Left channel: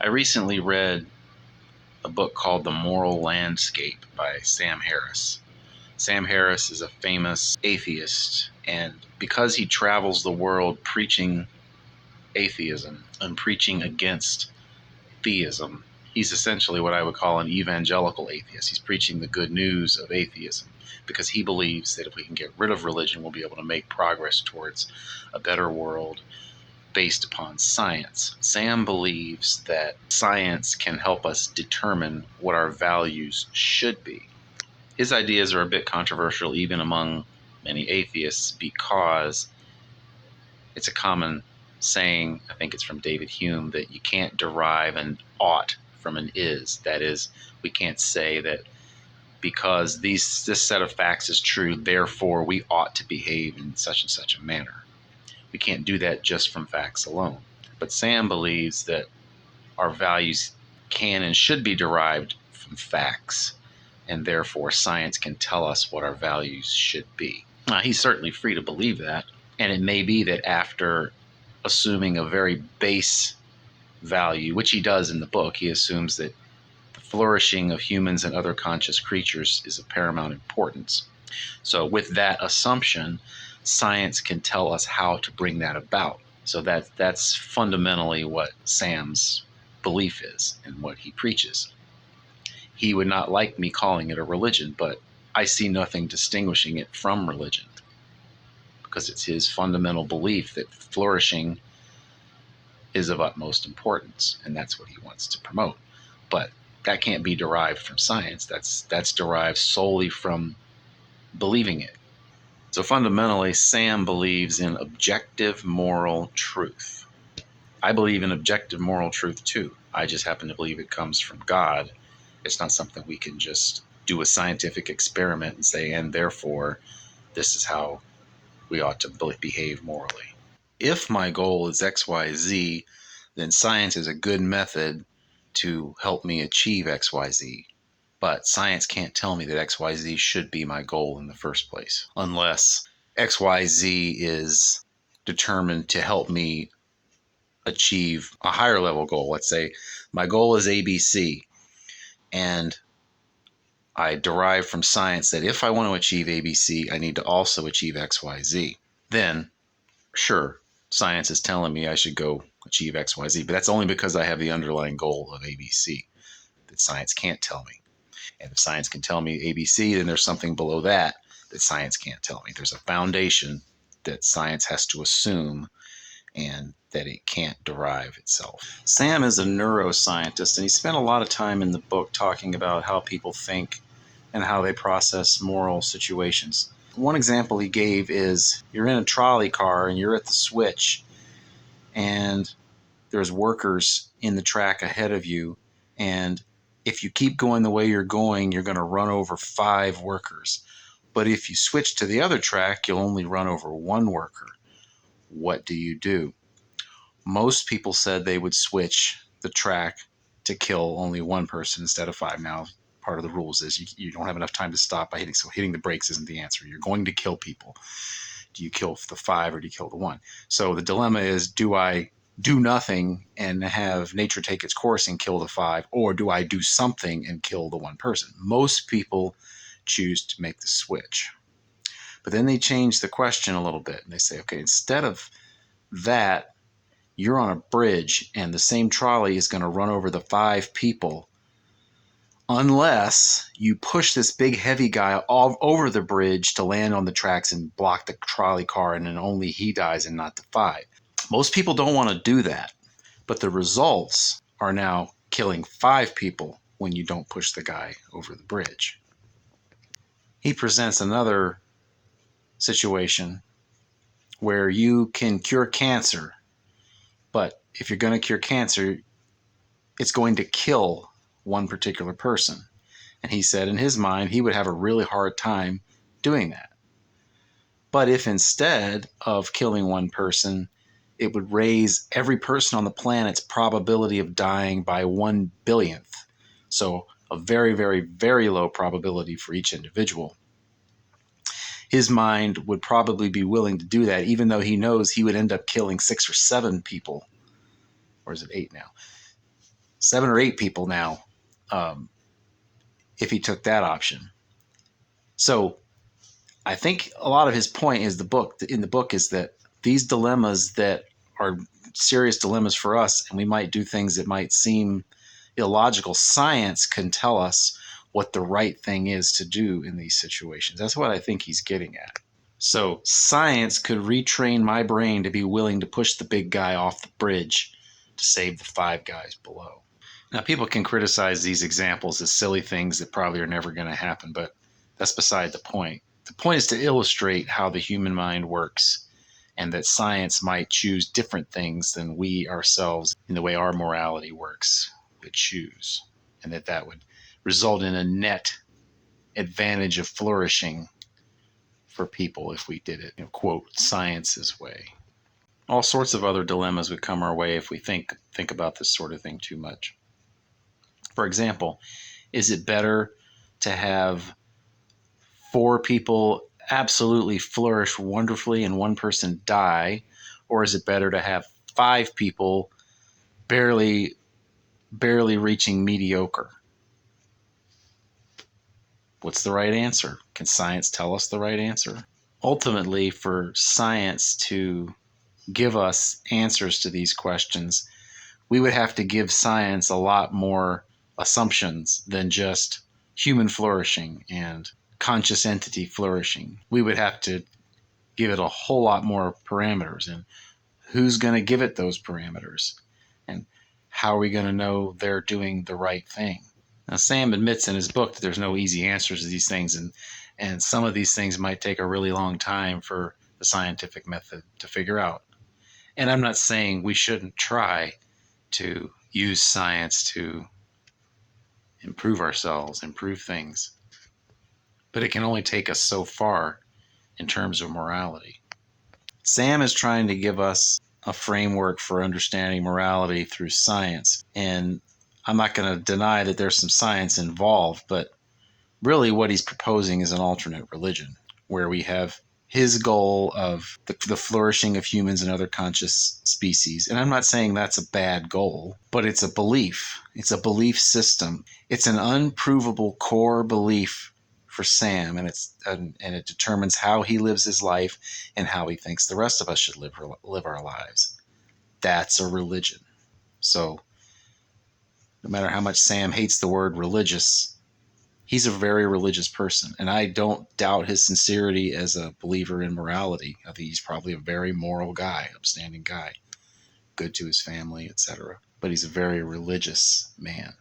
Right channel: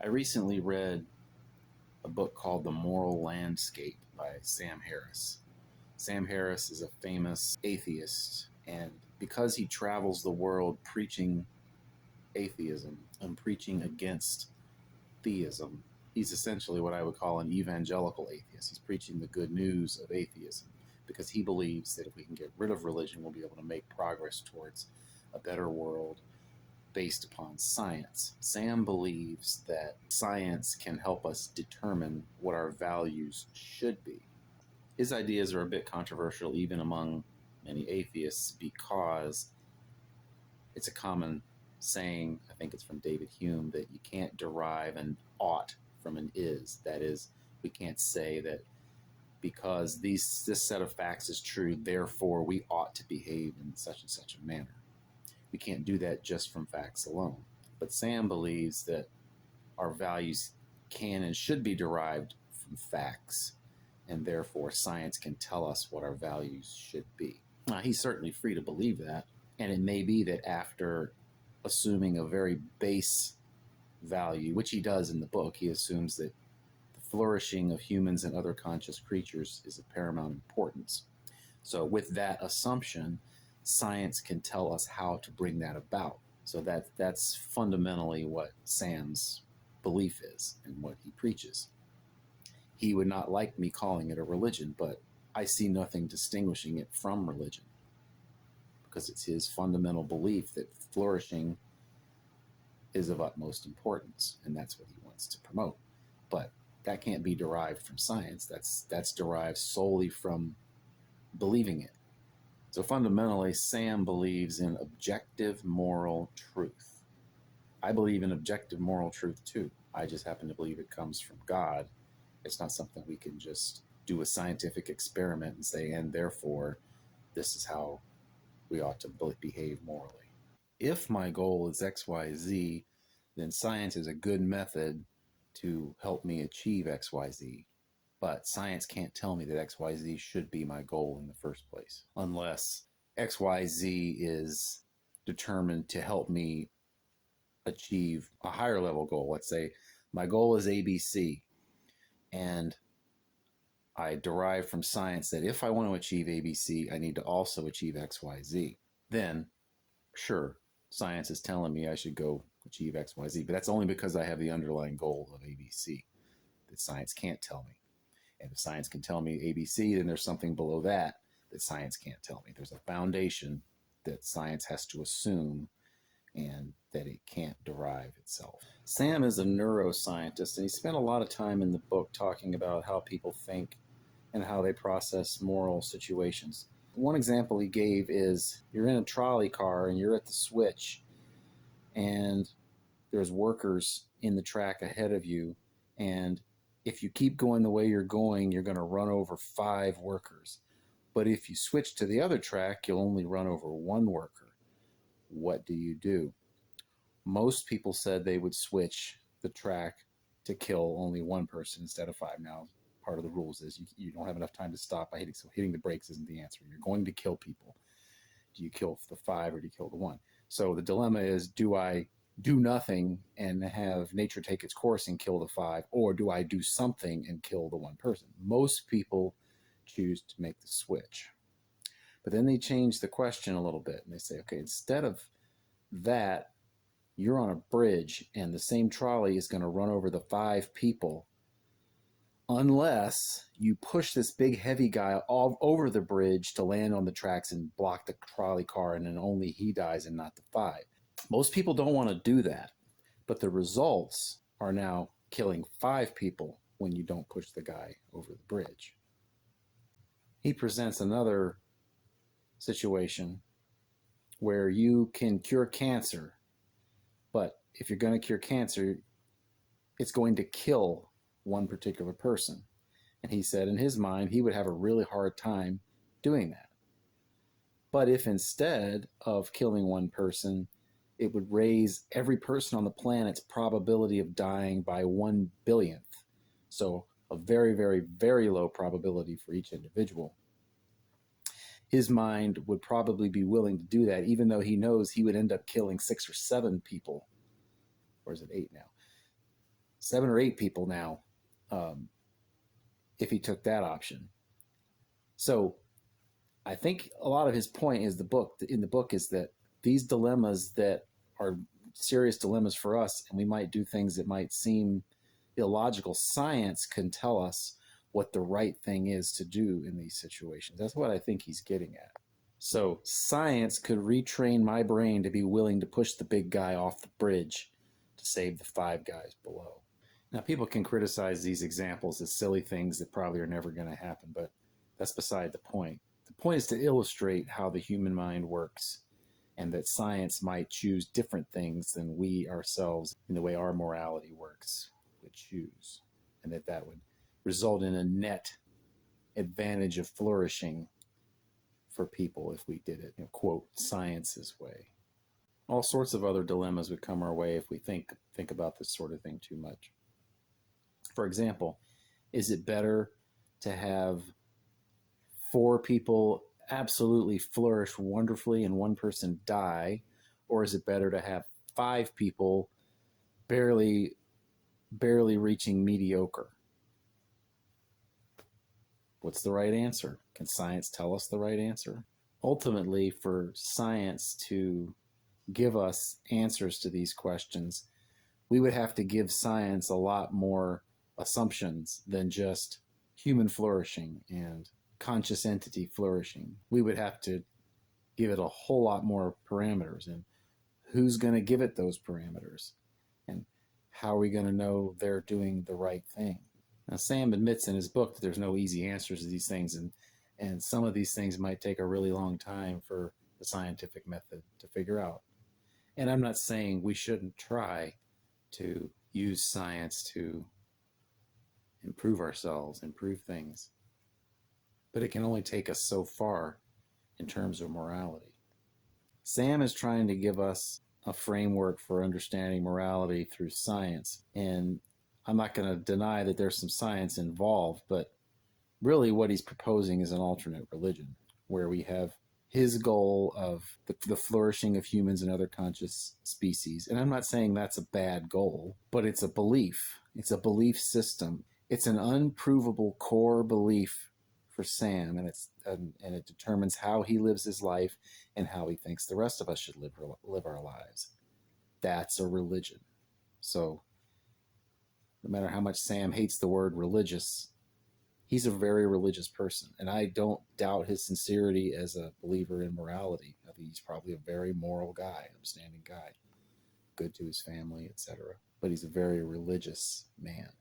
I recently read a book called The Moral Landscape by Sam Harris. Sam Harris is a famous atheist, and because he travels the world preaching atheism and preaching against theism, he's essentially what I would call an evangelical atheist. He's preaching the good news of atheism because he believes that if we can get rid of religion, we'll be able to make progress towards a better world based upon science. Sam believes that science can help us determine what our values should be. His ideas are a bit controversial even among many atheists because it's a common saying, I think it's from David Hume, that you can't derive an ought from an is. That is, we can't say that because this set of facts is true, therefore we ought to behave in such and such a manner. We can't do that just from facts alone. But Sam believes that our values can and should be derived from facts, and therefore science can tell us what our values should be. Now, he's certainly free to believe that, and it may be that after assuming a very base value, which he does in the book, he assumes that the flourishing of humans and other conscious creatures is of paramount importance. So with that assumption, science can tell us how to bring that about. So that's fundamentally what Sam's belief is and what he preaches. He would not like me calling it a religion, but I see nothing distinguishing it from religion because it's his fundamental belief that flourishing is of utmost importance, and that's what he wants to promote. But that can't be derived from science. That's derived solely from believing it. So fundamentally, Sam believes in objective moral truth. I believe in objective moral truth too. I just happen to believe it comes from God. It's not something we can just do a scientific experiment and say, and therefore, this is how we ought to behave morally. If my goal is XYZ, then science is a good method to help me achieve XYZ. But science can't tell me that XYZ should be my goal in the first place, unless XYZ is determined to help me achieve a higher level goal. Let's say my goal is ABC, and I derive from science that if I want to achieve ABC, I need to also achieve XYZ. Then, sure, science is telling me I should go achieve XYZ, but that's only because I have the underlying goal of ABC that science can't tell me. And if science can tell me ABC, then there's something below that that science can't tell me. There's a foundation that science has to assume and that it can't derive itself. Sam is a neuroscientist, and he spent a lot of time in the book talking about how people think and how they process moral situations. One example he gave is you're in a trolley car and you're at the switch, and there's workers in the track ahead of you, and if you keep going the way you're going, you're going to run over 5 workers. But if you switch to the other track, you'll only run over 1 worker. What do? Most people said they would switch the track to kill only 1 person instead of 5. Now, part of the rules is you don't have enough time to stop by hitting, so hitting the brakes isn't the answer. You're going to kill people. Do you kill the 5 or do you kill the 1? So the dilemma is, do I do nothing and have nature take its course and kill the 5, or do I do something and kill the 1 person? Most people choose to make the switch. But then they change the question a little bit and they say, okay, instead of that, you're on a bridge and the same trolley is going to run over the 5 people unless you push this big heavy guy all over the bridge to land on the tracks and block the trolley car, and then only he dies and not the 5. Most people don't want to do that, but the results are now killing 5 people when you don't push the guy over the bridge. He presents another situation where you can cure cancer, but if you're going to cure cancer, it's going to kill 1 particular person. And he said in his mind he would have a really hard time doing that. But if instead of killing 1 person, it would raise every person on the planet's probability of dying by 1 billionth. So a very, very, very low probability for each individual. His mind would probably be willing to do that, even though he knows he would end up killing 6 or 7 people. Or is it 8 now? 7 or 8 people now, um, if he took that option. So I think a lot of his point is in the book is that these dilemmas that are serious dilemmas for us, and we might do things that might seem illogical. Science can tell us what the right thing is to do in these situations. That's what I think he's getting at. So science could retrain my brain to be willing to push the big guy off the bridge to save the 5 guys below. Now, people can criticize these examples as silly things that probably are never going to happen, but that's beside the point. The point is to illustrate how the human mind works and that science might choose different things than we ourselves in the way our morality works would choose, and that would result in a net advantage of flourishing for people if we did it, quote, science's way. All sorts of other dilemmas would come our way if we think about this sort of thing too much. For example, is it better to have 4 people absolutely flourish wonderfully and 1 person die, or is it better to have 5 people barely reaching mediocre? What's the right answer? Can science tell us the right answer? Ultimately, for science to give us answers to these questions, we would have to give science a lot more assumptions than just human flourishing and conscious entity flourishing. We would have to give it a whole lot more parameters, and who's going to give it those parameters, and how are we going to know they're doing the right thing? Now, Sam admits in his book that there's no easy answers to these things, and some of these things might take a really long time for the scientific method to figure out. And I'm not saying we shouldn't try to use science to improve ourselves, improve things, but it can only take us so far in terms of morality. Sam is trying to give us a framework for understanding morality through science, and I'm not going to deny that there's some science involved, but really what he's proposing is an alternate religion where we have his goal of the flourishing of humans and other conscious species. And I'm not saying that's a bad goal, but it's a belief. It's a belief system. It's an unprovable core belief for Sam, and it determines how he lives his life and how he thinks the rest of us should live our lives. That's a religion. So no matter how much Sam hates the word religious, he's a very religious person, and I don't doubt his sincerity as a believer in morality. I think he's probably a very moral guy, upstanding guy, good to his family, etc. But he's a very religious man.